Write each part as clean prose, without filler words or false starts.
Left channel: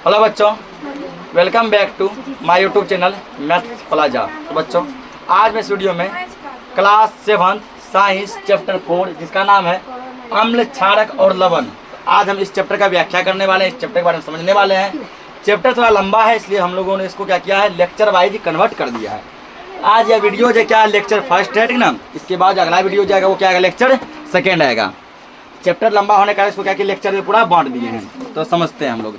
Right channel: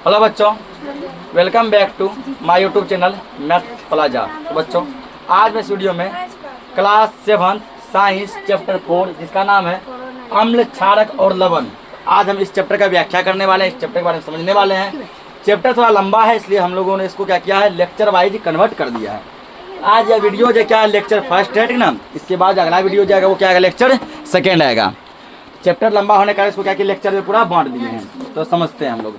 Hello बच्चों, welcome back to my YouTube channel maths plaza. तो बच्चों, आज मैं इस वीडियो में क्लास 7 साइंस चैप्टर 4 जिसका नाम है अम्ल, क्षारक और लवण, आज हम इस चैप्टर का व्याख्या करने वाले हैं, इस चैप्टर के बारे में समझने वाले हैं। चैप्टर थोड़ा लंबा है, इसलिए हम लोगों ने इसको क्या किया है, लेक्चर वाइज कन्वर्ट कर दिया है। आज यह वीडियो जो क्या है, लेक्चर फर्स्ट है, ठीक ना। इसके बाद अगला वीडियो जाएगा वो क्या आएगा, लेक्चर सेकेंड आएगा। चैप्टर लंबा होने का इसको क्या कि लेक्चर में पूरा बांट दिए हैं, तो समझते हैं हम लोग।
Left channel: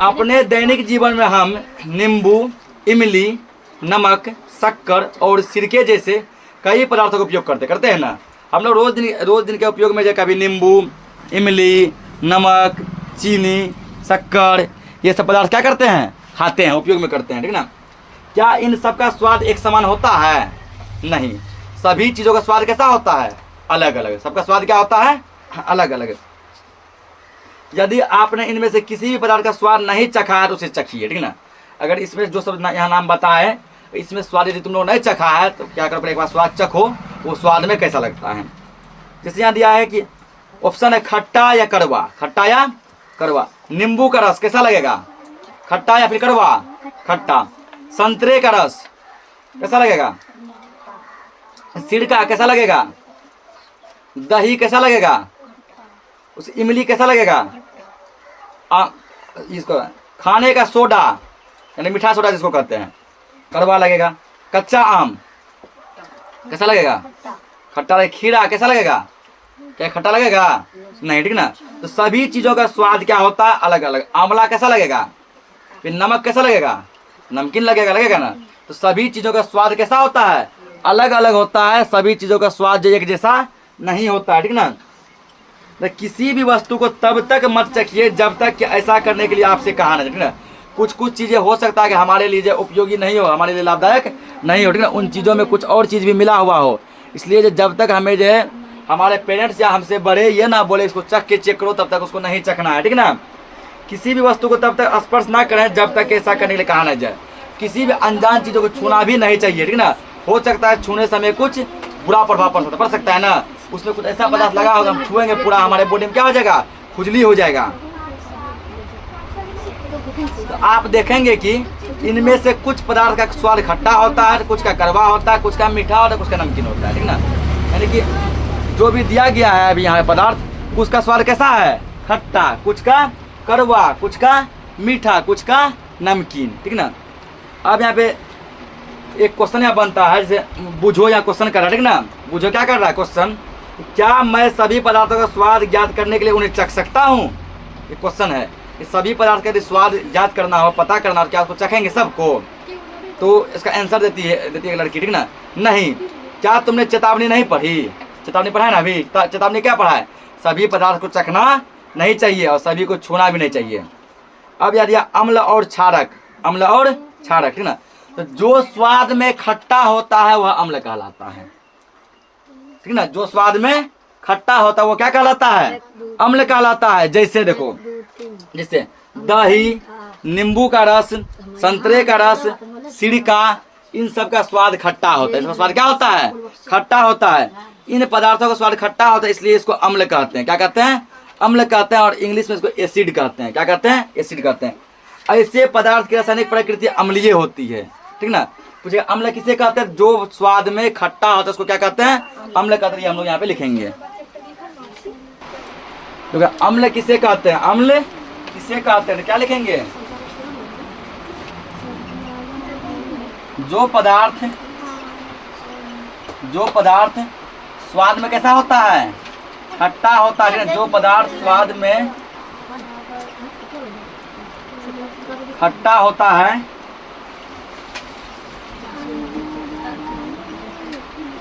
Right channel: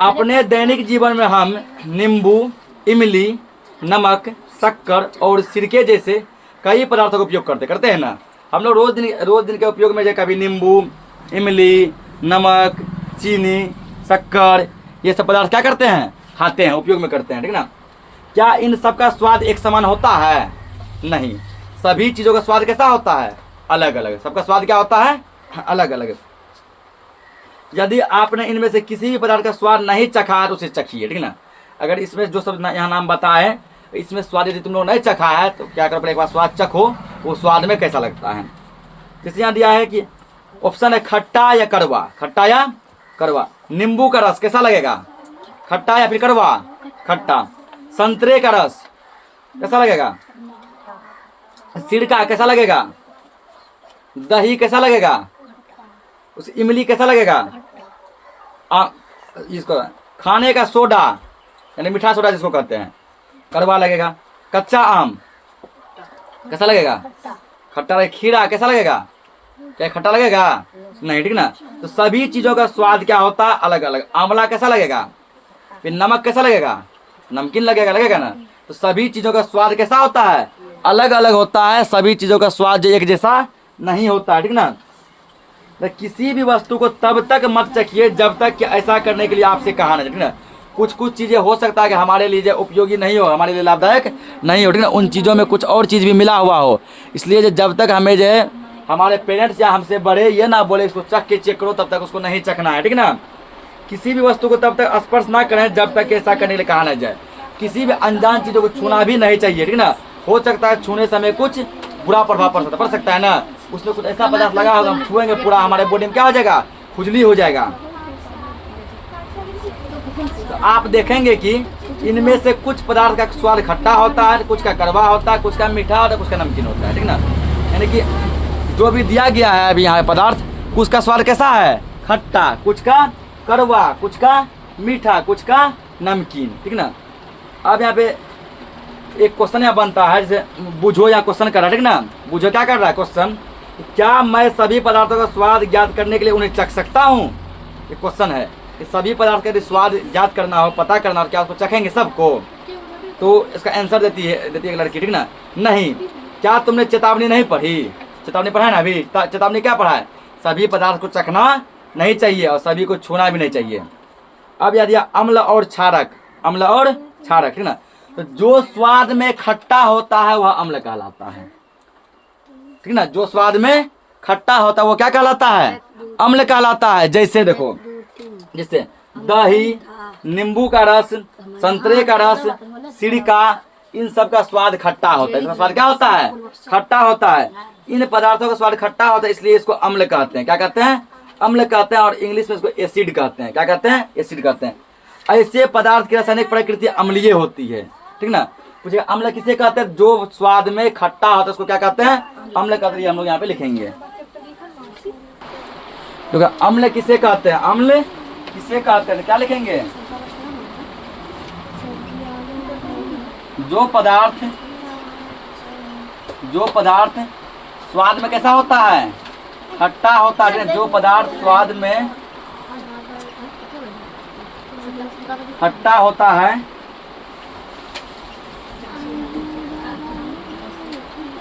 अपने दैनिक जीवन में हम नींबू, इमली, नमक, शक्कर और सिरके जैसे कई पदार्थों का उपयोग करते हैं ना। हम लोग रोज दिन के उपयोग में जो कभी नींबू, इमली, नमक, चीनी, शक्कर ये सब पदार्थ क्या करते हैं, खाते हैं, उपयोग में करते हैं, ठीक ना। क्या इन सब का स्वाद एक समान होता है? नहीं, सभी चीज़ों का स्वाद कैसा होता है, अलग अलग। सबका स्वाद क्या होता है, अलग अलग। यदि आपने इनमें से किसी भी पदार्थ का स्वाद नहीं चखा है तो उसे चखिए, ठीक ना। अगर इसमें जो सब यहाँ नाम बताए इसमें स्वाद यदि तुम लोग नहीं चखा है तो क्या करो, एक बार स्वाद चखो, वो स्वाद में कैसा लगता है। जैसे यहाँ दिया है कि ऑप्शन है खट्टा या कड़वा, खट्टा या कड़वा। नींबू का रस कैसा लगेगा, खट्टा या फिर कड़वा, खट्टा। संतरे का रस कैसा लगेगा, सिरका कैसा लगेगा, दही कैसा लगेगा, उस इमली कैसा लगेगा, इसको खाने का सोडा यानी मीठा सोडा जिसको कहते हैं, कड़वा लगेगा। कच्चा आम कैसा लगेगा, खट्टा लगेगा। खीरा कैसा लगेगा, क्या खट्टा लगेगा, नहीं, ठीक ना। तो सभी चीज़ों का स्वाद क्या होता है, अलग अलग। आंवला कैसा लगेगा, फिर नमक कैसा लगेगा, नमकीन लगेगा ना। तो सभी चीज़ों का स्वाद कैसा होता है, अलग अलग होता है। सभी चीज़ों का स्वाद एक जैसा नहीं होता है, ठीक ना। तो किसी भी वस्तु को तब तक मत चखिए जब तक कि ऐसा करने के लिए आपसे कहा ना, ठीक ना। कुछ चीज़ें हो सकता है कि हमारे लिए उपयोगी नहीं हो, हमारे लिए लाभदायक नहीं हो, ठीक ना। उन चीज़ों में कुछ और चीज़ भी मिला हुआ हो, इसलिए जब तक हमें जो है हमारे पेरेंट्स या हमसे बड़े ये ना बोले इसको चख के चेक करो, तब तक उसको नहीं चखना है, ठीक ना। किसी भी वस्तु को तब तक स्पर्श ना करें जब तक ऐसा करने के लिए कहा ना जाए। किसी भी अनजान चीज़ों को छूना भी नहीं चाहिए, ठीक ना। हो सकता है छूने समय कुछ बुरा प्रभाव पड़ सकता है ना। उसमें कुछ ऐसा पदार्थ लगा होगा, हम छुएंगे पूरा हमारे बॉडी में क्या हो जाएगा, खुजली हो जाएगा। तो आप देखेंगे कि इनमें से कुछ पदार्थ का स्वाद खट्टा होता है, कुछ का कड़वा होता है, कुछ का मीठा होता है, कुछ का नमकीन होता है, ठीक ना। यानी कि जो भी दिया गया है अभी यहाँ पदार्थ, कुछ का स्वाद कैसा है, खट्टा, कुछ का कड़वा, कुछ का मीठा, कुछ का नमकीन, ठीक ना। अब यहाँ पे एक क्वेश्चन यहाँ बनता है, जैसे बुझो या क्वेश्चन कर रहा है, ठीक ना। बुझो क्या कर रहा है, क्वेश्चन, क्या मैं सभी पदार्थों का स्वाद ज्ञात करने के लिए उन्हें चख सकता हूँ। ये क्वेश्चन है कि सभी पदार्थ का यदि स्वाद ज्ञात करना हो, पता करना हो, क्या उसको चखेंगे सबको। तो इसका आंसर देती है लड़की, ठीक ना। नहीं, क्या तुमने चेतावनी नहीं पढ़ी, चेतावनी पढ़ा है ना अभी। चेतावनी क्या पढ़ा है, सभी पदार्थ को चखना नहीं चाहिए और सभी को छूना भी नहीं चाहिए। अब याद दिया अम्ल और क्षारक, अम्ल और क्षारक, ठीक ना। तो जो स्वाद में खट्टा होता है वह अम्ल कहलाता है, ठीक ना। जो स्वाद में खट्टा होता है वो क्या कहलाता है, अम्ल कहलाता है। जैसे देखो, जैसे दही, नींबू का रस, संतरे का रस, सिरका, इन सब का स्वाद खट्टा होता है। इसका स्वाद क्या होता है, खट्टा होता है। इन पदार्थों का स्वाद खट्टा होता है, इसलिए इसको अम्ल कहते हैं। क्या कहते हैं, अम्ल कहते हैं। और इंग्लिश में इसको एसिड कहते हैं। क्या कहते हैं, एसिड कहते हैं। ऐसे पदार्थ की रासायनिक प्रकृति अम्लीय होती है, ठीक ना। पूछे अम्ल किसे कहते हैं, जो स्वाद में खट्टा होता है उसको क्या कहते हैं, अम्ल कहते हैं। हम लोग यहाँ पे लिखेंगे, तो अम्ल किसे कहते हैं, अम्ल किसे कहते हैं, क्या लिखेंगे, जो पदार्थ स्वाद में कैसा होता है, खट्टा होता है। जो पदार्थ स्वाद में खट्टा होता है,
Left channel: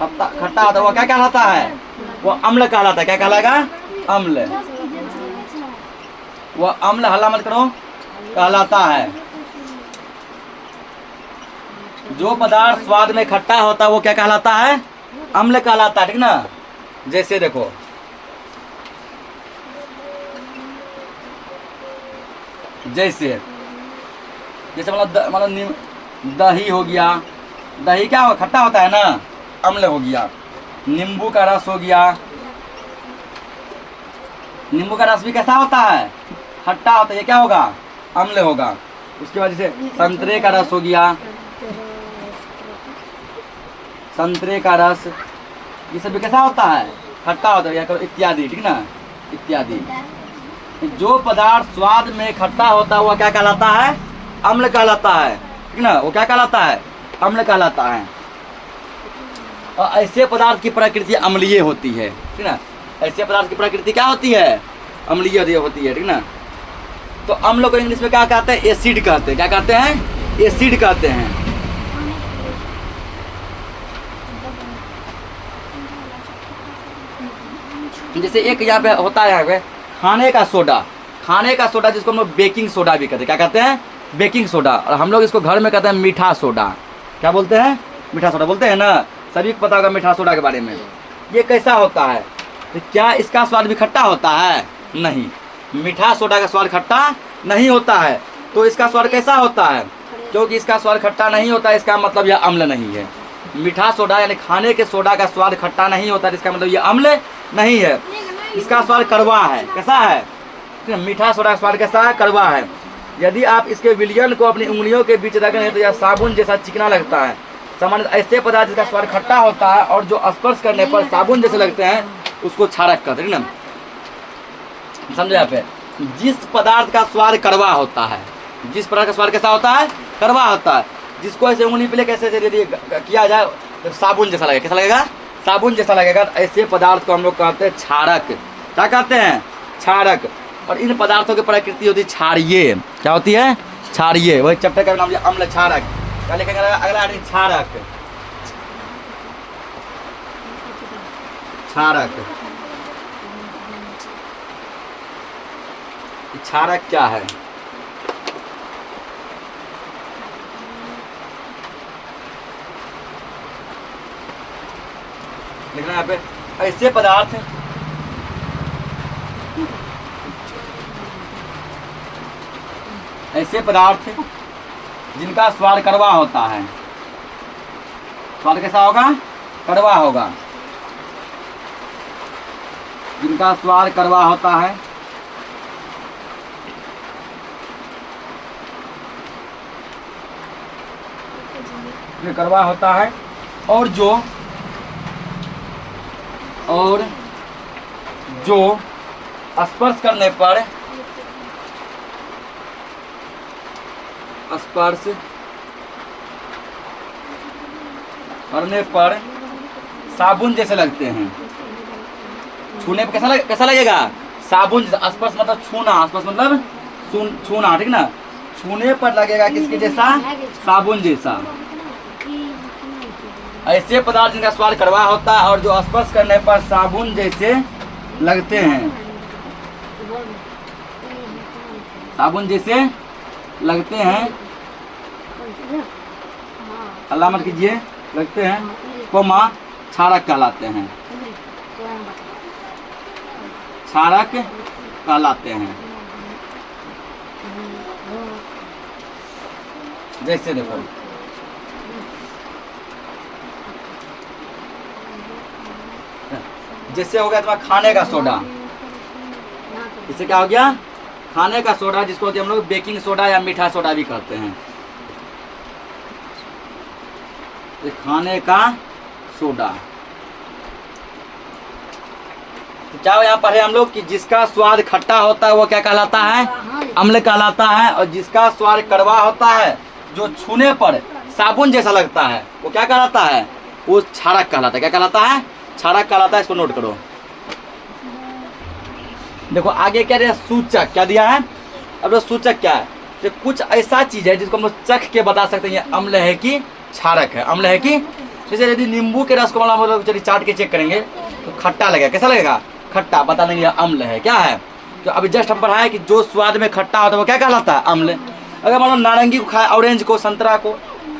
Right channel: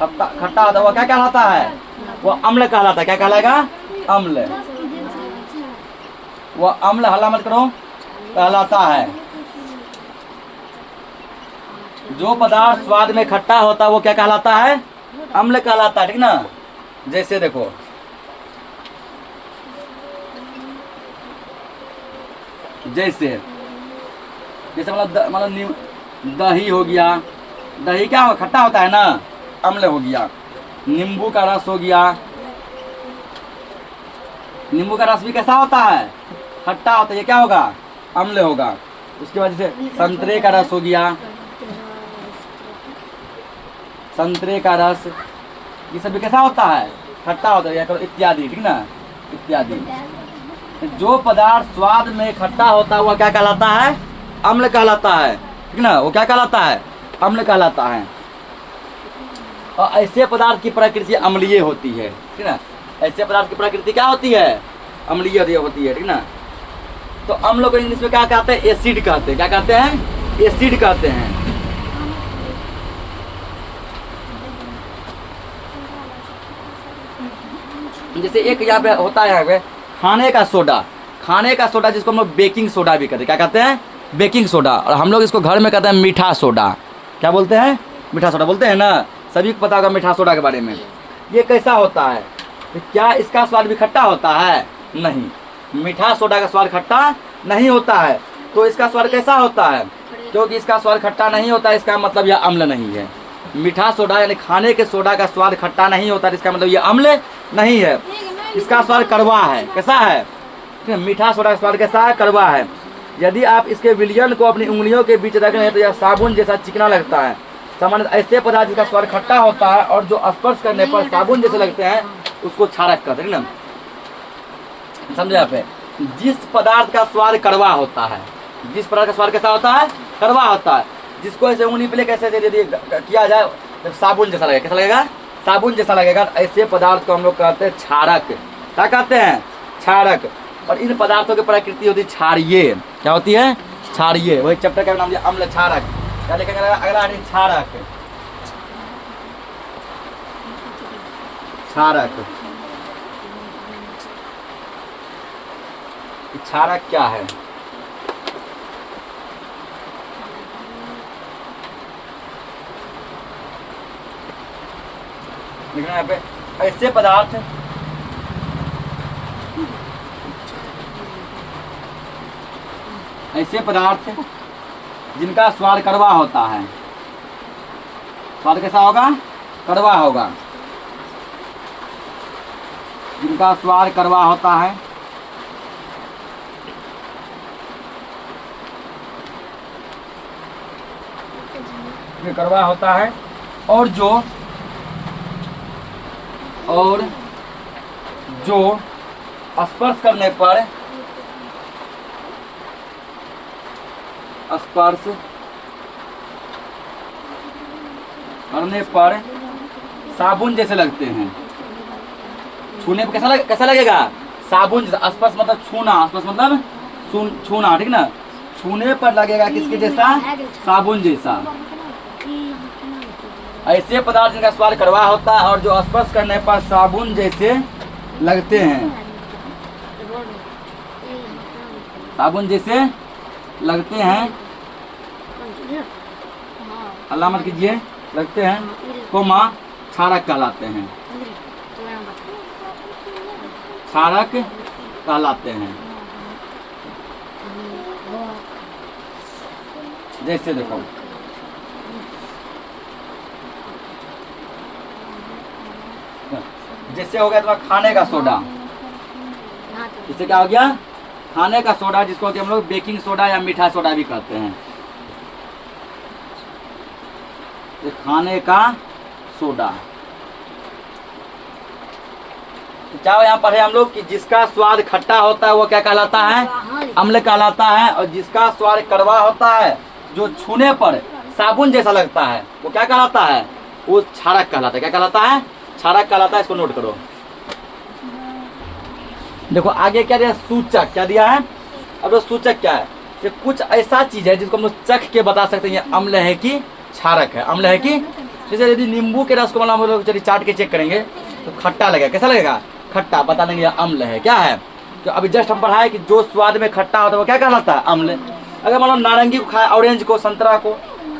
खट्टा होता है, वो क्या कहलाता है, वो अम्ल कहलाता है। क्या कहलाएगा, अम्ल। वो अम्ल, हल्ला मत करो, कहलाता है। जो पदार्थ स्वाद में खट्टा होता है वो क्या कहलाता है, अम्ल कहलाता है, ठीक ना। जैसे देखो, जैसे मतलब दही हो गया, दही क्या हो, खट्टा होता है ना, अम्ल हो गया। नींबू का रस हो गया, नींबू का रस भी कैसा होता है, खट्टा होता है, ये क्या होगा, अम्ल होगा। उसके बाद जैसे संतरे का रस हो गया, संतरे का रस, ये सब भी कैसा होता है, खट्टा होता है, इत्यादि, ठीक ना, इत्यादि। जो पदार्थ स्वाद में खट्टा होता है वह क्या कहलाता है, अम्ल कहलाता है, ठीक ना, वो क्या कहलाता है, अम्ल कहलाता है। और ऐसे पदार्थ की प्रकृति अम्लीय होती है, ठीक ना, ऐसे पदार्थ की प्रकृति क्या होती है, अम्लीय होती है, ठीक ना। तो अम्ल को इंग्लिश में क्या कहते हैं, एसिड कहते हैं, क्या कहते हैं, एसिड कहते हैं। जैसे एक यहाँ पे होता है, यहाँ पे खाने का सोडा, खाने का सोडा जिसको हम लोग बेकिंग सोडा भी कहते हैं, क्या कहते हैं, बेकिंग सोडा। और हम लोग इसको घर में कहते हैं मीठा सोडा, क्या बोलते हैं, मीठा सोडा बोलते हैं ना, सभी को पता होगा मीठा सोडा के बारे में। ये कैसा होता है, तो क्या इसका स्वाद भी खट्टा होता है, नहीं, मीठा सोडा का स्वाद खट्टा नहीं होता है। तो इसका स्वाद कैसा होता है, क्योंकि इसका स्वाद खट्टा नहीं होता है, इसका मतलब यह अम्ल नहीं है। मीठा सोडा यानी खाने के सोडा का स्वाद खट्टा नहीं होता, इसका मतलब यह अम्ल नहीं है, इसका स्वाद कड़वा है। कैसा है, मीठा सोडा का स्वाद कैसा है, कड़वा है। यदि आप इसके विलयन को अपनी उंगलियों के बीच रखें तो यह साबुन जैसा चिकना लगता है। सामान्य ऐसे पदार्थ जिसका स्वाद खट्टा होता है और जो स्पर्श करने पर साबुन जैसे लगते हैं उसको क्षारक कहते हैं ना, समझे आप। जिस पदार्थ का स्वाद कड़वा होता है, जिस पदार्थ का स्वाद कैसा होता है, कड़वा होता है, जिसको ऐसे उंगली पे कैसे यदि किया जाए तो साबुन जैसा लगेगा, कैसा लगेगा, साबुन जैसा लगेगा। ऐसे पदार्थ को हम लोग कहते हैं क्षारक, क्या कहते हैं, क्षारक। और इन पदार्थों की प्रकृति होती है क्षारीय, क्या होती है, क्षारीय। वही चैप्टर का नाम लिया अम्ल क्षारक, क्या लिखेंगे अगला, क्षारक, क्षारक। क्षारक क्या है, लिखना यहाँ पे, ऐसे पदार्थ जिनका स्वाद कड़वा होता है, स्वाद कैसा होगा, कड़वा होगा, जिनका स्वाद कड़वा होता है, ये कड़वा होता है। और जो स्पर्श करने पर साबुन जैसे लगते हैं, छूने पे कैसा लगेगा, साबुन जैसा। स्पर्श मतलब छूना, स्पर्श मतलब छूना, ठीक ना, छूने पर लगेगा किसके जैसा, साबुन जैसा। ऐसे पदार्थ जिनका स्वाद कड़वा होता है और जो स्पर्श करने पर साबुन जैसे लगते हैं, साबुन जैसे लगते हैं, अल्लाह मत कीजिए, लगते हैं, कोमा क्षारक कहलाते हैं, क्षारक कहलाते हैं। जैसे देखो, जैसे हो गया तुम्हारा खाने का सोडा, इससे क्या हो गया, खाने का सोडा, जिसको हम लोग बेकिंग सोडा या मीठा सोडा भी कहते हैं। ये खाने का सोडा, तो क्या यहाँ पढ़े हम लोग कि जिसका स्वाद खट्टा होता है वो क्या कहलाता है, अम्ल कहलाता है। और जिसका स्वाद कड़वा होता है, जो छूने पर साबुन जैसा लगता है, वो क्या कहलाता है, वो क्षारक कहलाता है। क्या कहलाता है, क्षारक कहलाता है। इसको नोट करो। देखो आगे क्या दिया, सूचक क्या दिया है। अब सूचक क्या है, ये कुछ ऐसा चीज है जिसको हम लोग चख के बता सकते हैं ये अम्ल है कि क्षारक है, अम्ल है कि। जैसे यदि नींबू के रस को हम लोग चलिए चाट के चेक करेंगे तो खट्टा लगेगा, कैसा लगेगा, खट्टा, बता देंगे ये अम्ल है, क्या है। तो अभी जस्ट हम पढ़ा है कि जो स्वाद में खट्टा होता है वो क्या कहलाता है, अम्ल। अगर मान लो नारंगी को खाए, ऑरेंज को, संतरा को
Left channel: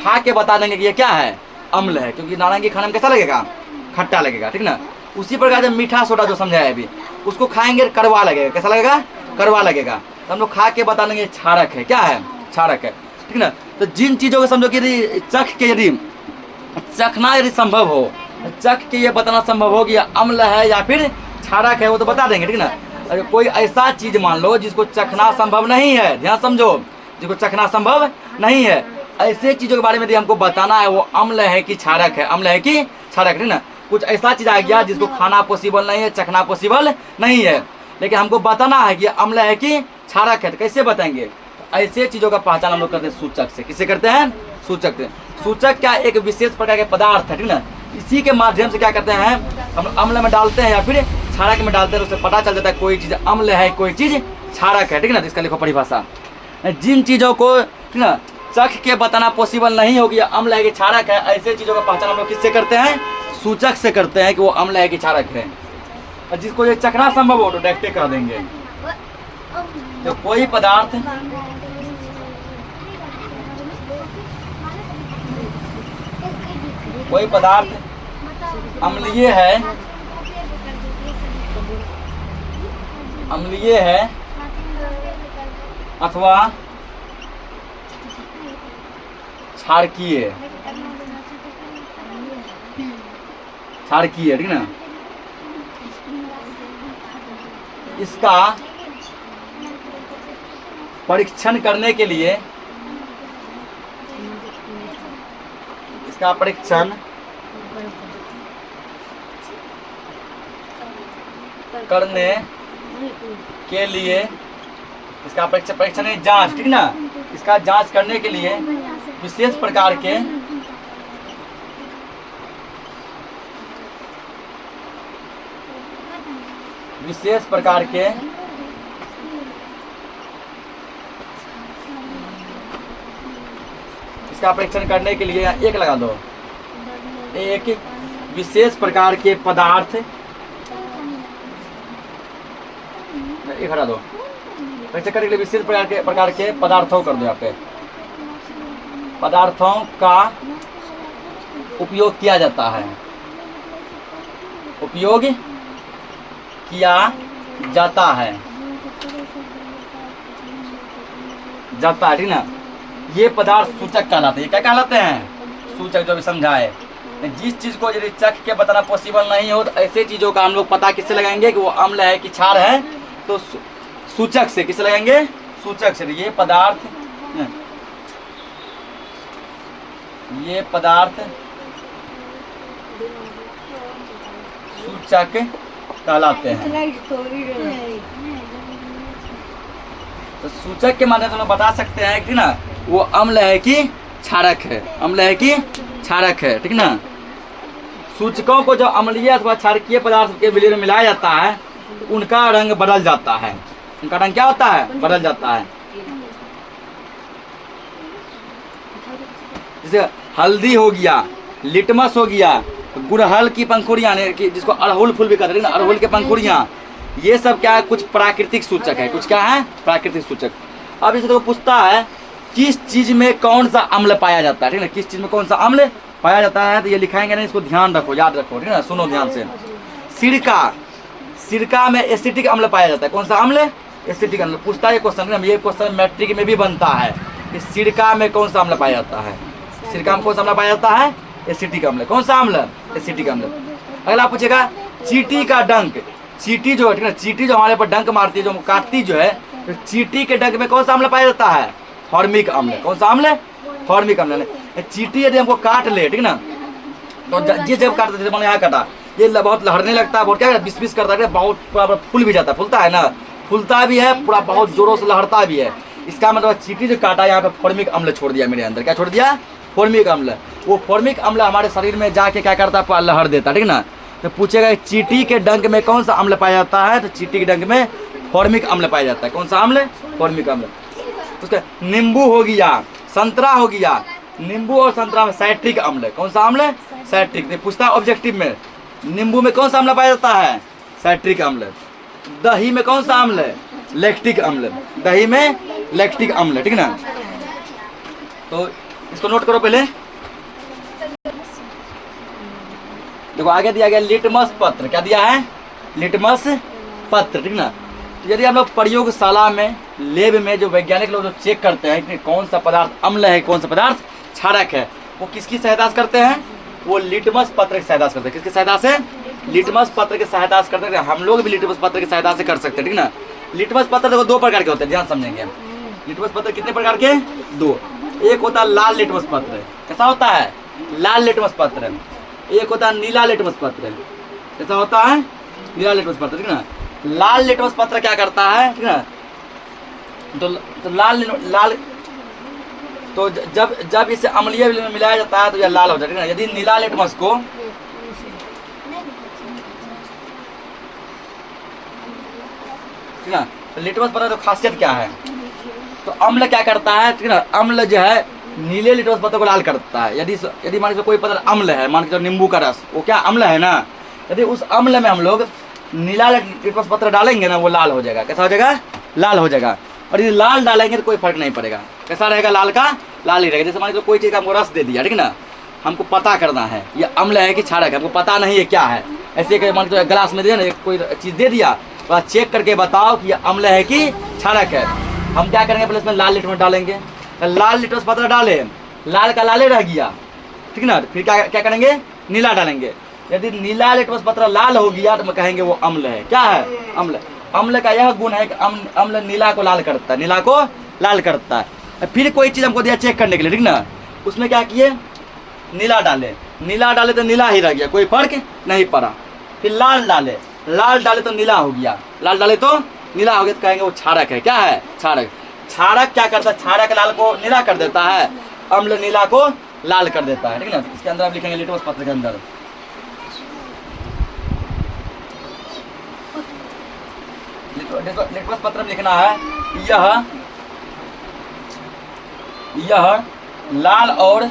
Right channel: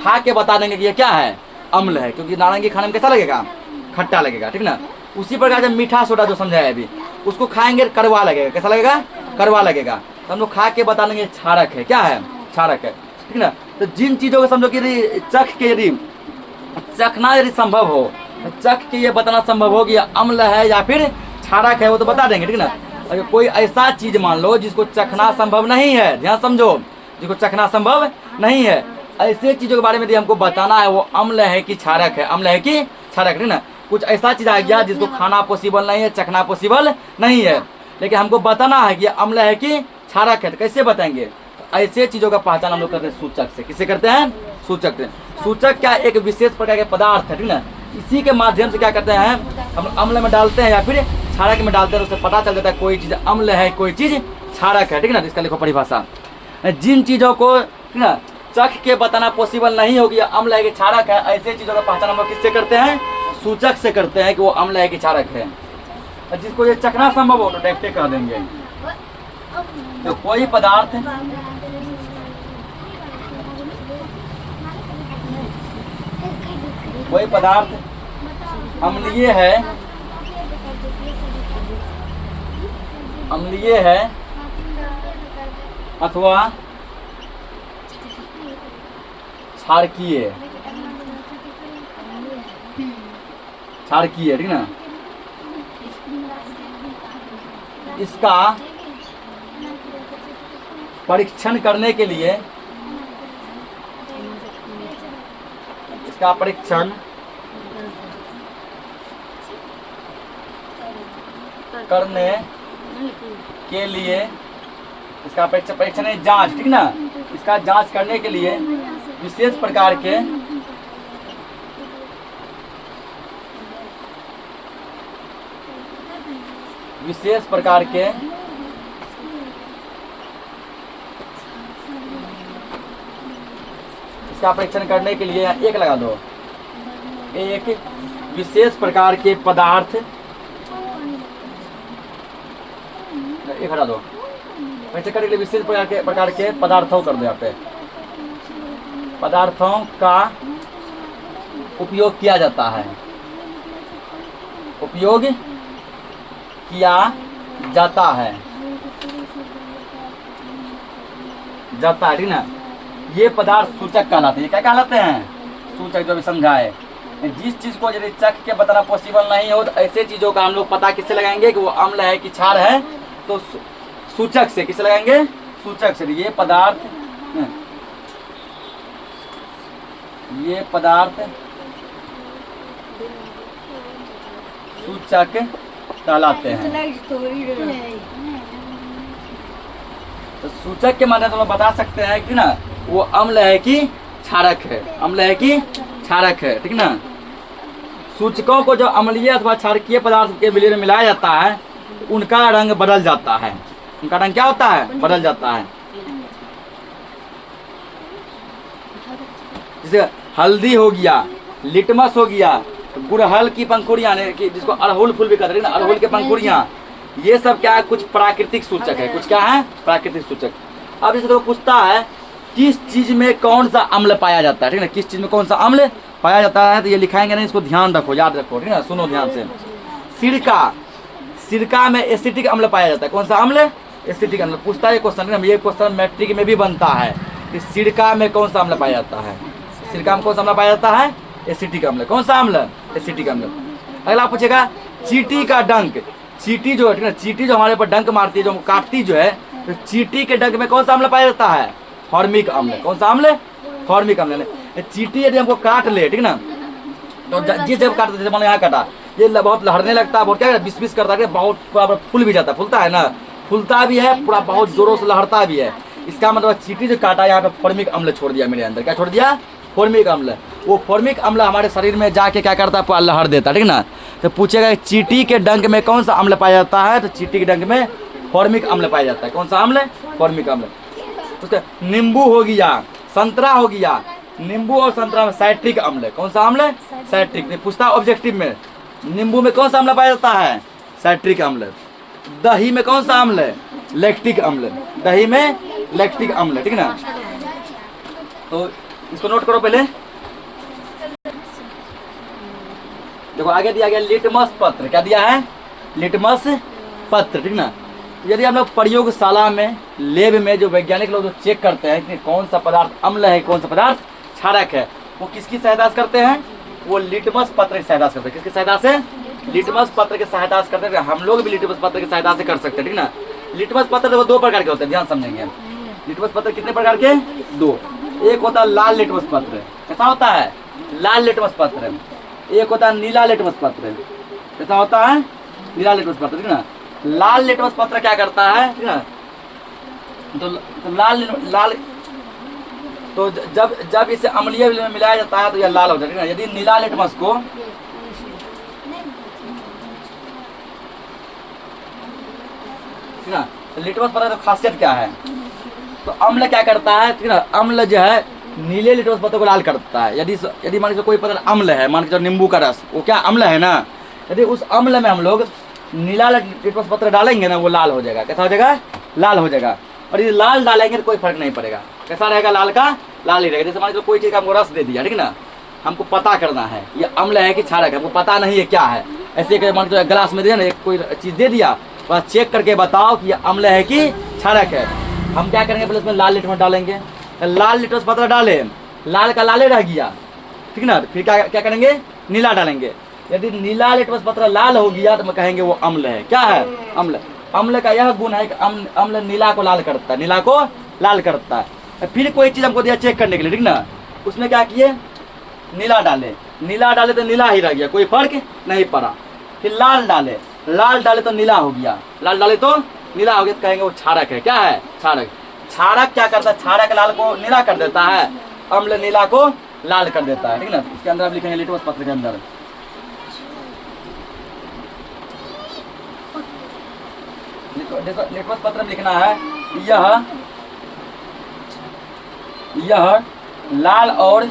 खा के बता देंगे कि ये क्या है, अम्ल है, क्योंकि नारंगी खाने में कैसा लगेगा, खट्टा लगेगा, ठीक ना। उसी प्रकार जब मीठा सोडा जो समझाया अभी, उसको खाएंगे कड़वा लगेगा, कैसा लगेगा, कड़वा लगेगा। तो हम लोग खा के बता देंगे क्षारक है, क्या है, क्षारक है, ठीक ना। तो जिन चीज़ों को समझो कि यदि चख के, यदि चखना यदि संभव हो, चख के ये बताना संभव हो कि अम्ल है या फिर क्षारक है, वो तो बता देंगे, ठीक ना। अरे कोई ऐसा चीज मान लो जिसको चखना संभव नहीं है, ध्यान समझो, जिसको चखना संभव नहीं है, ऐसे चीजों के बारे में यदि हमको बताना है वो अम्ल है कि क्षारक है, अम्ल है कि क्षारक, ठीक ना। कुछ ऐसा चीज आ गया जिसको खाना पॉसिबल नहीं है, चखना पॉसिबल नहीं है, लेकिन हमको बताना है कि अम्ल है कि क्षारक है, तो कैसे बताएंगे? ऐसे चीजों का पहचान हम लोग करते हैं सूचक से। किससे करते हैं? सूचक से। सूचक क्या एक विशेष प्रकार के पदार्थ है, ठीक ना, इसी के माध्यम से क्या करते हैं हम अम्ल में डालते हैं या फिर क्षारक में डालते हैं, तो उससे पता चल जाता है कोई चीज अम्ल है, कोई चीज क्षारक है, ठीक ना। इसका लिखो परिभाषा। जिन चीजों को, ठीक ना, चख के बताना पॉसिबल नहीं होगी अम्ल है कि क्षारक है, ऐसे चीजों का पहचान हम लोग किससे करते हैं? सूचक से करते हैं कि वो अम्ल है कि क्षारक है। तो जिसको ये चखना संभव हो तो डायरेक्ट कर देंगे। तो कोई पदार्थ अम्लीय है अथवा क्षारकीय, ठीक ना, इसका परीक्षण करने के लिए, इसका परीक्षण करने के लिए, इसका परीक्षण नहीं, जांच, ठीक ना, इसका जांच करने के लिए विशेष प्रकार के इसका परीक्षण करने के लिए एक लगा दो, एक विशेष प्रकार के पदार्थ, एक हटा दो, परीक्षण करने के लिए विशेष प्रकार के पदार्थों कर दो, यहाँ पे पदार्थों का उपयोग किया जाता है, उपयोग किया जाता है, ठीक ना। ये पदार्थ सूचक कहलाते हैं। ये क्या कहलाते हैं? सूचक, जो भी समझाए। जिस चीज को यदि चख के बताना पॉसिबल नहीं हो तो ऐसे चीजों का हम लोग पता किससे लगाएंगे कि वो अम्ल है कि क्षार है, तो सूचक से। किससे लगाएंगे? सूचक से। ये पदार्थ सूचक कहलाते हैं। तो सूचक के माध्यम से हम लोग बता सकते हैं कि ना वो अम्ल है कि क्षारक है, अम्ल है कि क्षारक है, ठीक ना। सूचकों को जो अम्लीय अथवा क्षारकीय पदार्थ के विलय में मिलाया जाता है उनका रंग बदल जाता है। उनका रंग क्या होता है? बदल जाता है। जैसे हल्दी हो गया, लिटमस हो गया, गुड़हल की पंखुड़ियाँ, जिसको अड़हुल फूल भी कहते हैं ना, अड़हुल के पंखुड़ियाँ, ये सब क्या है? कुछ प्राकृतिक सूचक है। कुछ क्या है? प्राकृतिक सूचक। अब इसे तो पूछता है किस चीज में कौन सा अम्ल पाया जाता है, ठीक है, किस चीज में कौन सा अम्ल पाया जाता है, तो ये लिखाएंगे नहीं, इसको ध्यान रखो, याद रखो, ठीक है ना। सुनो ध्यान से। सिरका में एसिटिक अम्ल पाया जाता है। कौन सा अम्ल? एसिटिक अम्ल। पूछता है क्वेश्चन, ये क्वेश्चन मैट्रिक में भी बनता है कि सिरका में कौन सा अम्ल पाया जाता है। सिरका में कौन सा अम्ल पाया जाता है? एसिटिक अम्ल। कौन सा अम्ल? एसिटिक अम्ल। अगला पूछेगा चींटी का डंक। चींटी जो है, ठीक है, चींटी जो हमारे पर डंक मारती है, जो काटती जो है, तो चींटी के डंक में कौन सा अम्ल पाया जाता है? फॉर्मिक अम्ल। कौन सा अम्ल? फॉर्मिक अम्ल। चींटी यदि हमको काट ले, ठीक ना, तो जिस जगह काटते, जैसे मैंने यहाँ काटा, ये बहुत लहरने लगता है, बहुत क्या बिस करता है, बहुत पूरा फूल भी जाता है, फूलता है ना, फूलता भी है पूरा, बहुत जोरों से लहरता भी है। इसका मतलब चींटी जो काटा, यहाँ पे फॉर्मिक अम्ल छोड़ दिया मेरे अंदर। क्या छोड़ दिया? फॉर्मिक अम्ल। वो फॉर्मिक अम्ल हमारे शरीर में जाके क्या करता है? पूरा लहर देता है, ठीक ना। तो पूछेगा चींटी के डंक में कौन सा अम्ल पाया जाता है, तो चींटी के डंक में फॉर्मिक अम्ल पाया जाता है। कौन सा अम्ल? फॉर्मिक अम्ल। उसका नींबू हो गया, संतरा हो गया, नींबू और संतरा में साइट्रिक अम्ल। कौन सा अम्ल? साइट्रिक। पूछता है ऑब्जेक्टिव में, नींबू में कौन सा अम्ल पाया जाता है? साइट्रिक अम्ल। दही में कौन सा अम्ल? लैक्टिक अम्ल। दही में लैक्टिक अम्ल, ठीक ना। तो इसको नोट करो पहले। देखो आगे दिया गया लिटमस पत्र। क्या दिया है? लिटमस पत्र, ठीक ना। यदि हम लोग प्रयोगशाला में, लैब में जो वैज्ञानिक लोग जो चेक करते हैं कि कौन सा पदार्थ अम्ल है, कौन सा पदार्थ क्षारक है, वो किसकी सहायता से करते हैं? वो लिटमस पत्र की सहायता से करते हैं। किसकी सहायता से? लिटमस पत्र की सहायता से करते हैं, हम लोग भी लिटमस पत्र की सहायता से कर सकते हैं, ठीक ना। लिटमस पत्र देखो 2 प्रकार के होते हैं, ध्यान समझेंगे। लिटमस पत्र कितने प्रकार के? 2। एक होता है लाल लिटमस पत्र, कैसा होता है? लाल लिटमस पत्र। एक होता है नीला लिटमस पत्र, कैसा होता है? नीला लिटमस पत्र, ठीक ना। लाल लिटमस पत्र क्या करता है, ठीक ना, तो लाल तो जब इसे अम्लीय में मिलाया जाता है तो यह लाल हो जाता है। यदि नीला लिटमस को ठीक ना, तो लिटमस पत्र तो खासियत क्या है, तो अम्ल क्या करता है, ठीक ना, अम्ल जो है नीले लिटमस पत्र को लाल करता है। यदि मान लीजिए कोई पदार्थ अम्ल है, मान लीजिए नींबू का रस, वो क्या अम्ल है ना, यदि उस अम्ल में हम लोग नीला लिटमस पत्र डालेंगे ना, वो लाल हो जाएगा। कैसा हो जाएगा? लाल हो जाएगा। और यदि लाल डालेंगे तो कोई फर्क नहीं पड़ेगा। कैसा रहेगा? लाल का लाल ही रहेगा। जैसे मान लीजिए कोई चीज़ का हमको रस दे दिया, ठीक ना, हमको पता करना है ये अम्ल है कि क्षारक है, हमको पता नहीं है क्या है। ऐसे मान लीजिए गिलास में दिया ना, कोई चीज़ दे दिया, तो चेक करके बताओ कि ये अम्ल है कि क्षारक है। हम क्या करेंगे? पहले इसमें लाल लिटमस डालेंगे, लाल लिटमस पत्र डाले, लाल का लाले रह गया, ठीक ना, फिर क्या करेंगे? नीला डालेंगे। यदि नीला लिटमस पत्र लाल हो गया तो कहेंगे वो अम्ल है। क्या है? अम्ल। अम्ल का यह गुण है कि अम्ल नीला को लाल करता है, नीला को लाल करता है। फिर कोई चीज़ हमको दिया चेक करने के लिए, ठीक ना, उसमें क्या किए? नीला डाले तो नीला ही रह गया, कोई फर्क नहीं पड़ा। फिर लाल डाले तो नीला हो गया, लाल डाले तो नीला हो गया, तो कहेंगे वो क्षारक है। क्या है? क्षारक। क्षारक क्या करता है? क्षारक लाल को नीला कर देता है, अम्ल नीला को लाल कर देता है, ठीक ना। इसके अंदर आप लिखेंगे लिटमस पत्र के अंदर लिटमस पत्र में लिखना है यह लाल और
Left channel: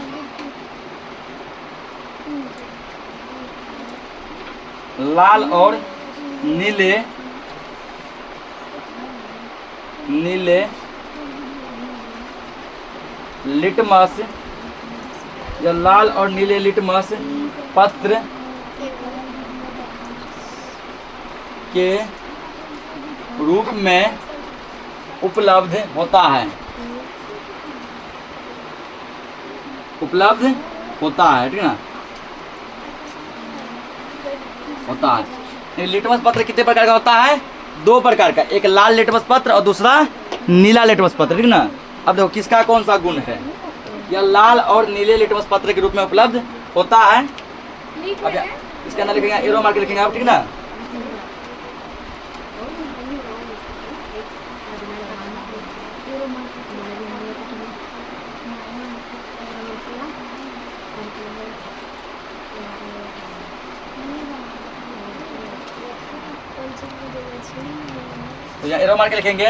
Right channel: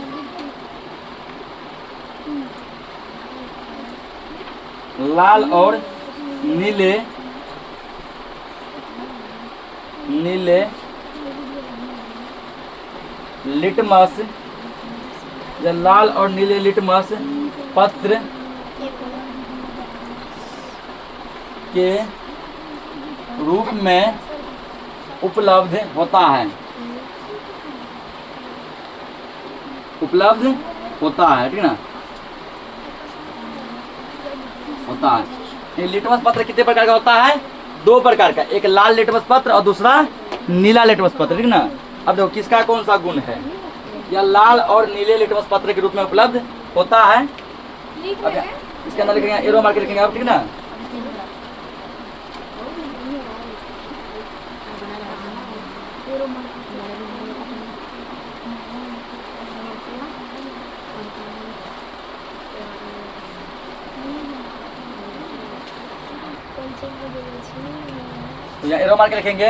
नीले लिटमस या लाल और नीले लिटमस पत्र के रूप में उपलब्ध होता है, ठीक ना, होता है। ये लिटमस पत्र कितने प्रकार का होता है? 2 प्रकार का, एक लाल लिटमस पत्र और दूसरा नीला लिटमस पत्र, ठीक ना। अब देखो किसका कौन सा गुण है, यह लाल और नीले लिटमस पत्र के रूप में उपलब्ध होता है। इसके अंदर लिखेंगे, एरो मार्क लिखेंगे आप, ठीक ना। तो यहाँ एरो मार्क लिखेंगे,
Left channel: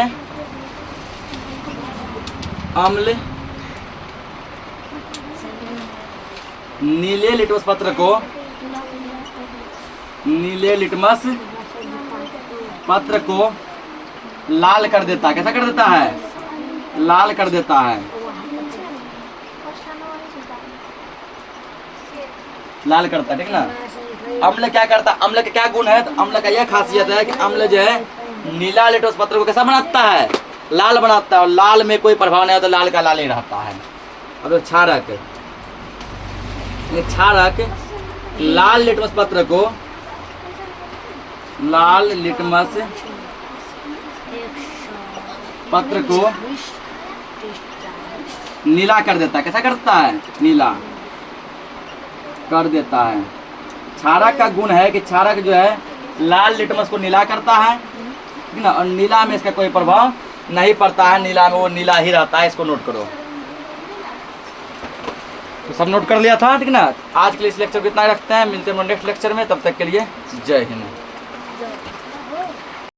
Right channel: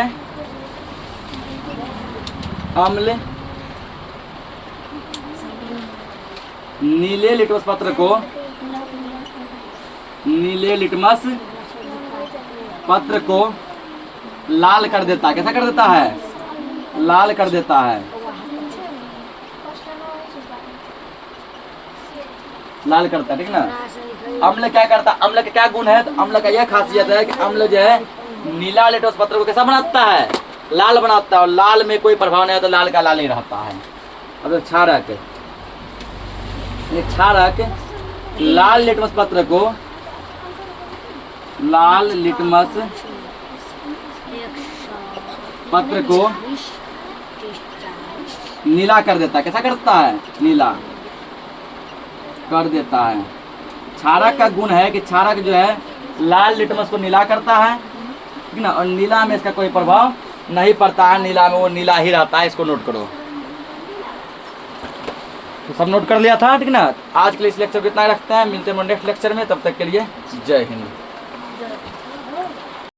अम्ल नीले लिटमस पत्र को लाल कर देता है। कैसा कर देता है? लाल कर देता है, लाल करता है, ठीक ना। अम्ल क्या करता है? अम्ल का क्या गुण है? तो अम्ल का यह खासियत है कि अम्ल जो है नीला लिटमस पत्र को कैसा बनाता है? लाल बनाता है। और लाल में कोई प्रभाव नहीं है, तो लाल का लाल ही रहता है। अब क्षारक लाल लिटमस पत्र को नीला कर देता है। कैसा करता है? नीला कर देता है। क्षारक का गुण है कि क्षारक जो है लाल लिटमस को नीला करता है, ठीक ना, और नीला में इसका कोई प्रभाव नहीं पड़ता है, नीला में वो नीला ही रहता है। इसको नोट करो। तो सब नोट कर लिया था, ठीक ना। आज के लिए इस लेक्चर को इतना रखते हैं, मिलते हैं नेक्स्ट लेक्चर में, तब तक के लिए जय हिंद।